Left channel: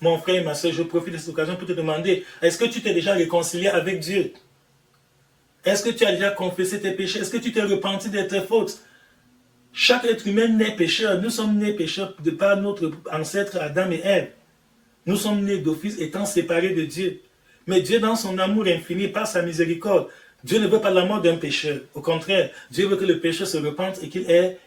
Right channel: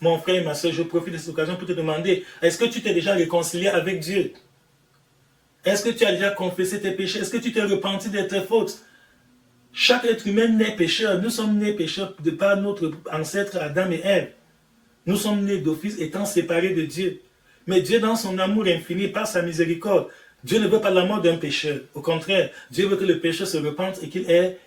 Mon frère et ma soeur, je profite de cette occasion pour te demander, est-ce que tu t'es déjà réconcilié avec Dieu? Est-ce que tu as déjà confessé tes péchés? Est-ce que tu t'es repenti de tes fautes? Chaque être humain naît pécheur. Nous sommes nés pécheurs de par notre ancêtre Adam et Ève. Nous sommes nés d'office étant séparés de Dieu. Mais Dieu, dans son amour infini, par sa miséricorde, Dieu ne veut pas la mort d'un pécheur. Au contraire, Dieu veut que le pécheur se repente et qu'il ait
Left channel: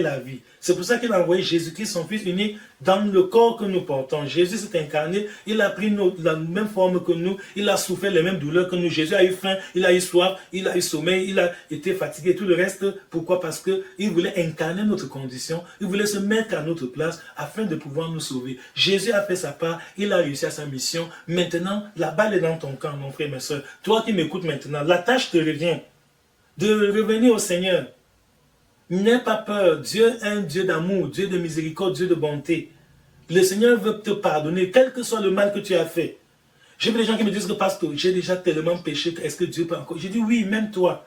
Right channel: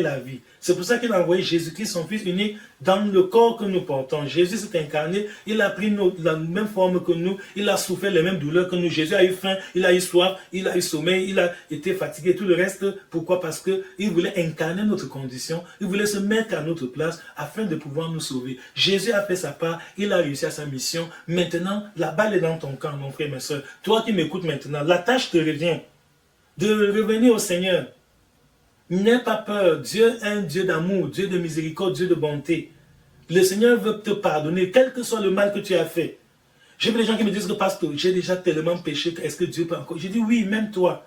la vie. C'est pour ça qu'il a envoyé Jésus-Christ, son Fils unique, dans le corps que nous portons. Jésus s'est incarné, il a pris la même forme que nous, il a souffert les mêmes douleurs que nous. Jésus a eu faim, il a eu soif, il a eu sommeil, il a été fatigué. Tout le reste, pourquoi? Parce qu'il voulait incarner notre condition, il voulait se mettre à notre place afin de pouvoir nous sauver. Jésus a fait sa part, il a réussi à sa mission. Maintenant, la balle est dans ton camp, mon frère, ma soeur. Toi qui m'écoutes maintenant, la tâche te revient de revenir au Seigneur. N'aie pas peur. Dieu est un Dieu d'amour, Dieu de miséricorde, Dieu de bonté. Le Seigneur veut te pardonner, quel que soit le mal que tu as fait. J'ai vu des gens qui me disent que parce que j'ai déjà tellement péché, est-ce que Dieu peut encore? Je dis oui, même toi.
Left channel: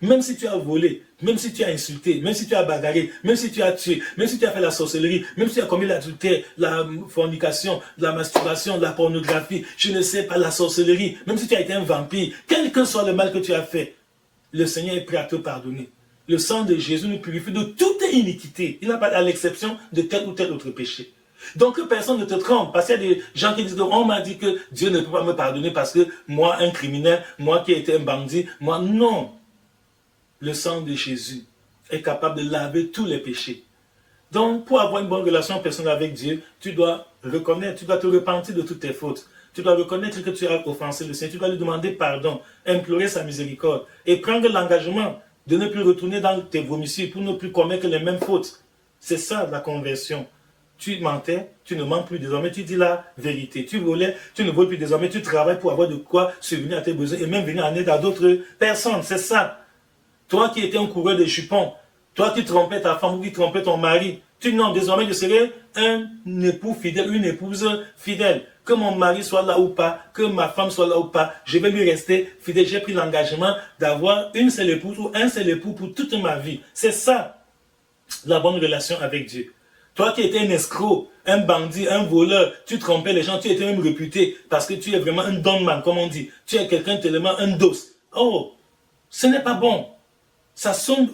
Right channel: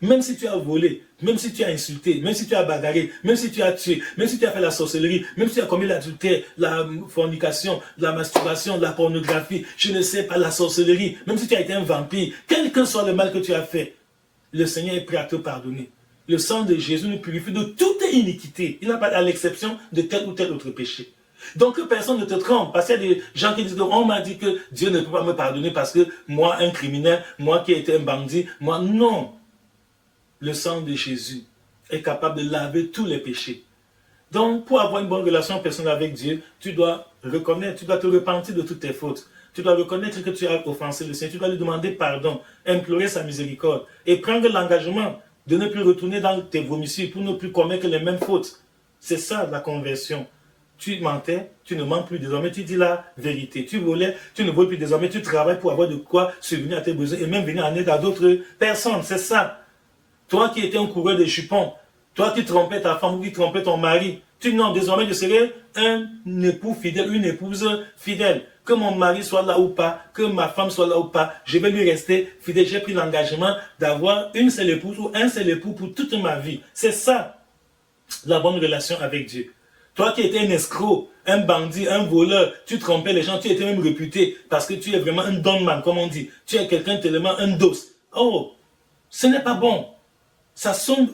Même si tu as volé, même si tu as insulté, même si tu as bagarré, même si tu as tué, même si tu as fait la sorcellerie, même si tu as commis l'adultère, la fornication, la masturbation, la pornographie, je ne sais pas, la sorcellerie, même si tu as été un vampire, quel que soit le mal que tu as fait, le Seigneur est prêt à te pardonner. Le sang de Jésus nous purifie de toute iniquité. Il n'a pas à l'exception de tel ou tel autre péché. Donc personne ne te trompe. Parce qu'il y a des gens qui disent, on m'a dit que Dieu ne peut pas me pardonner parce que moi, un criminel, moi qui ai été un bandit, moi, non. Le sang de Jésus est capable de laver tous les péchés. Donc, pour avoir une bonne relation personnelle avec Dieu, tu dois reconnaître, tu dois te repentir de toutes tes fautes. Tu dois reconnaître que tu as offensé le Seigneur. Tu dois lui demander pardon, implorer sa miséricorde et prendre l'engagement de ne plus retourner dans tes vomissures pour ne plus commettre les mêmes fautes. C'est ça la conversion. Tu mentais, tu ne mens plus désormais, tu dis la vérité. Tu volais, tu ne voles plus désormais, tu travailles pour avoir de quoi subvenir à tes besoins et même venir en aide à d'autres personnes. C'est ça. Toi qui étais un coureur de jupons, toi qui trompais ta femme ou qui trompais ton mari, tu dis non, désormais je serai un époux fidèle, une épouse fidèle. Que mon mari soit là ou pas, que ma femme soit là ou pas, je vais lui rester fidèle. J'ai pris l'engagement d'avoir une seule épouse ou un seul époux pour toute ma vie. C'est ça, la bonne relation avec Dieu. Toi qui étais un escroc, un bandit, un voleur, tu trompais les gens, tu étais même réputé parce que tu es vraiment un don man, comme on dit. Tu es quelqu'un tellement un dos. Oh, ce n'est pas bon. Ça sonne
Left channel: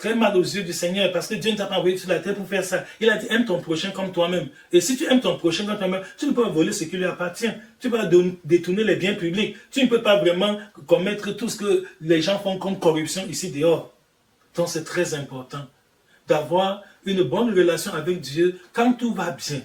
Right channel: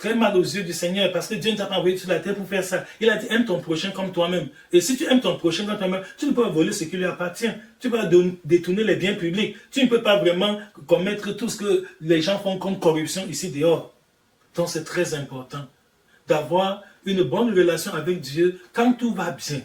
très mal aux yeux du Seigneur parce que Dieu ne t'a pas envoyé sur la terre pour faire ça. Il a dit aime ton prochain comme toi-même. Et si tu aimes ton prochain comme toi-même, tu ne peux pas voler ce qui lui appartient. Tu vas détourner les biens publics. Tu ne peux pas vraiment commettre tout ce que les gens font comme corruption ici dehors. Donc c'est très important d'avoir une bonne relation avec Dieu quand tout va bien.